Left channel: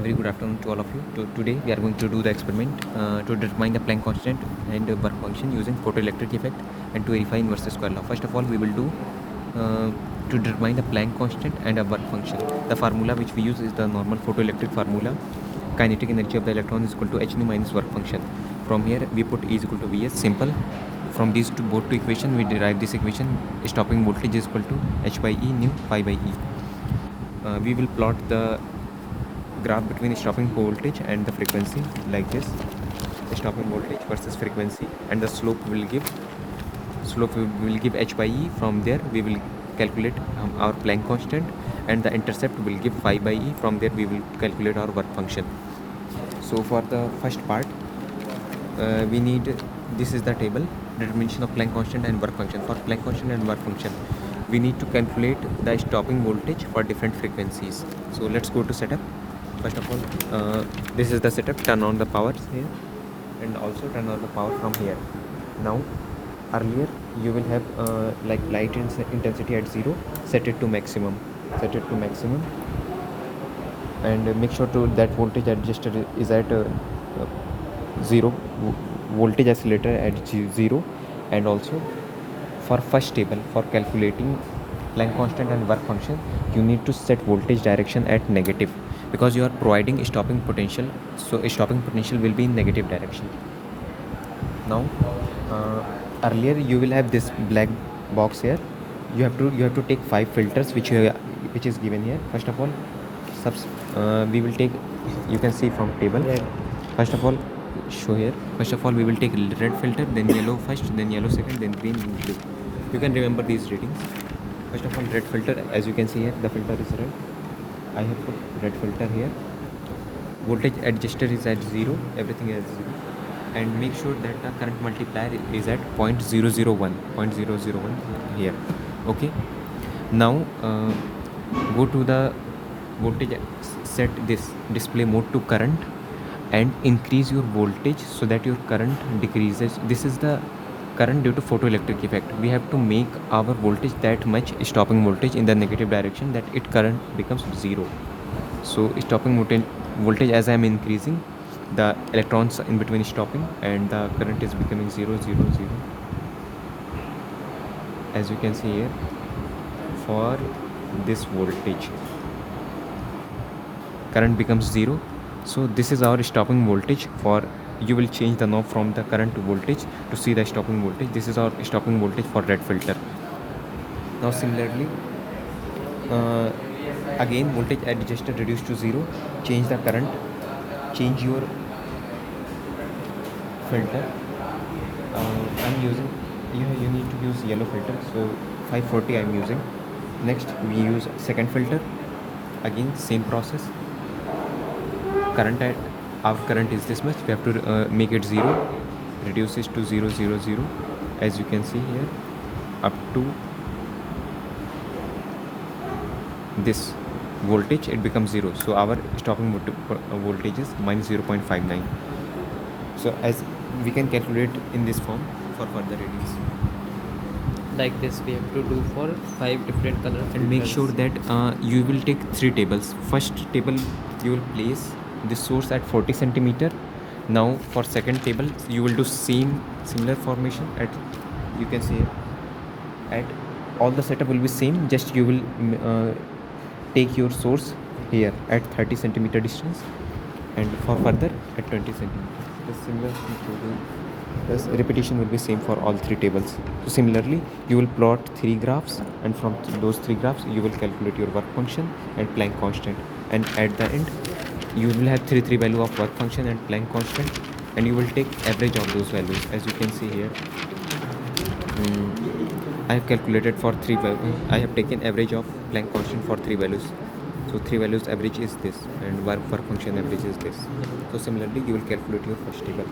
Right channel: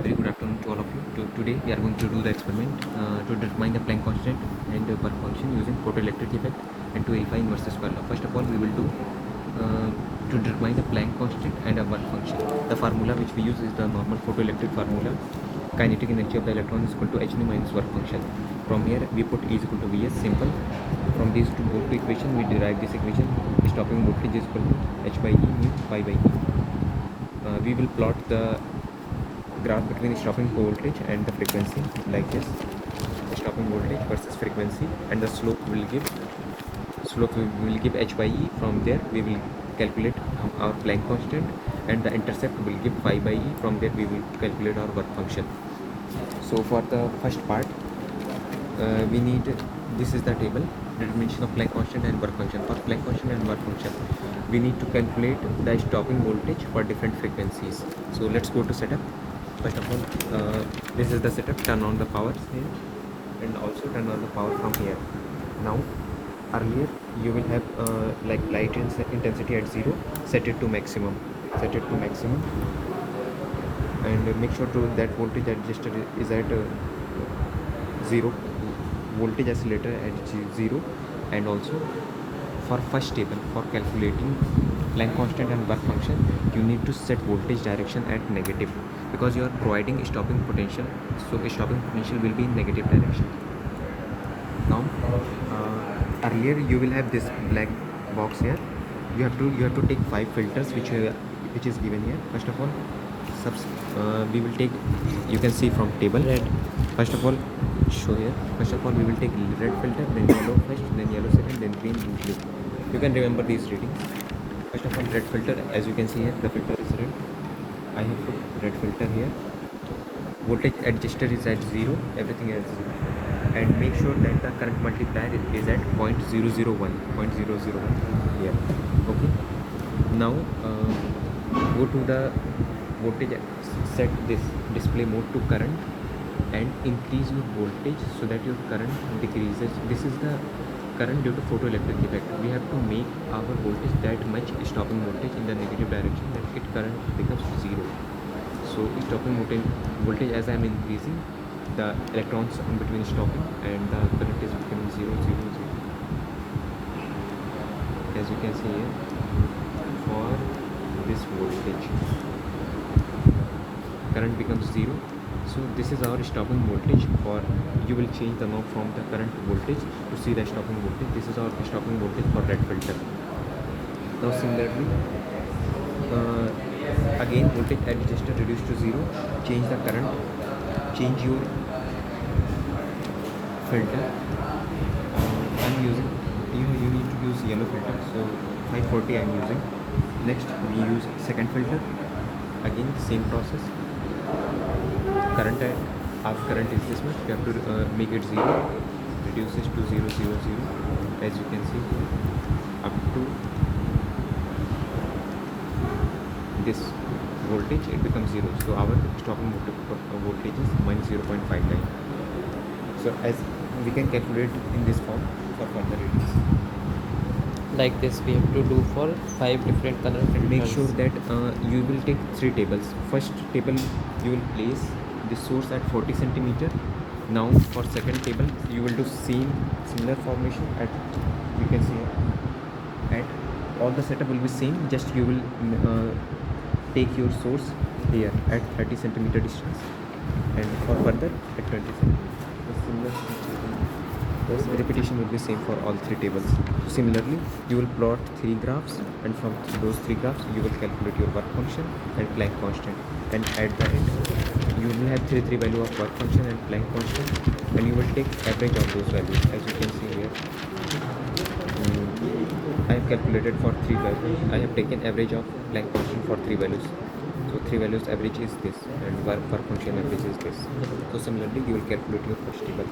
A very good afternoon to all of you. Today we are going to do the experiment to determine the Planck constant and the work function using photoelectric effect and to verify inverse square law. First of all, we will do to determine the Planck constant and a work function. The formula which we use is the normal photoelectric formula. Kinetic energy of the electron is equal to hν minus work function. From here we put E is equal to Vs, simple. From these both two equations we derive this equation. Stopping voltage is equal to h by E nu pi by E. We will plot the graph between stopping voltage and the frequency like this. The stopping voltage versus frequency, and the slope will give h by E. From there we will calculate our Planck constant, and the intercept will give phi by E. From there we will calculate our work function. So for the first part, we need, this is the table, determination of Planck constant and work function. For Planck constant and work function, we need to calculate the stopping voltage for different frequencies. So let's go to setup. First of all, this is the setup. Turn on the power here and also turn on the power from here. Now earlier you will have like light intensity at 0, set it to maximum, and make sure to that voltage adjuster is at 0, voltage oscillator at 0. And also for first table, for calculating Planck constant and work function, you need to set voltage direction at negative, because you are providing stopping potential, so stopping potential will be in negative direction. Now earlier you will have this black box here. You have to take 5 filters which is given here. First of all, we will take, you can see from table, first of all show here. First of all we will take red filter, then yellow first, then yellow second, then green, then blue. You can remember these readings. First of all, red filter, as you can see here, the filter is red. I have put red filter here. Voltage adjuster is at 0, everything is 0. And make sure that the current multiplier is at 0.001 here. Okay. Now go to the voltage, set this display mode to current, and increase your voltage so that your current decreases. This is the current due to photoelectric effect. We have to make our voltage that much, stopping voltage in the negative direction, that it current becomes 0. So stopping voltage, as I am increasing, the electrons in between stopping, and the current is becoming 0, 0, 0. As you can see here, for this voltage, current becomes 0. So this is our stopping voltage. For you will change the knob from the current to voltage to see the stopping voltage. This is our stopping voltage for red filter. Now similarly, again voltage adjuster reduced to 0. Change the current, change your filter. I'm using, you need to use yellow filter, so 540 I'm using. Next we use second filter. Again same process. Current, our current is this much, we have to make it 0, reduce it to 0, 0, 0, as you can see here, up to this voltage, it becomes 0. So our stopping voltage is minus 0.59. So as we can calculate in this form for further readings. Like this we have to do for 5 different color filters. Make sure that you will take 3 tables. First table you will place the source at 40 centimeter. Now for second table you will do similar formation at, you can see at all the setup will be same, just you will take your source here at 30 centimeter distance, and for further at 20 centimeter. The similar repetition will be same for all 3 tables. So similarly you will plot 3 graphs, and from those 3 graphs you will calculate your work function and Planck constant, and at the end you will have 3 value of work function and Planck constant, and you will take average of those values. As you can see here, I have calculated for 3 values. I have taken average of Planck constant for 3 values. So 3 values average is this, and work function average is this. So similarly you will calculate your first table.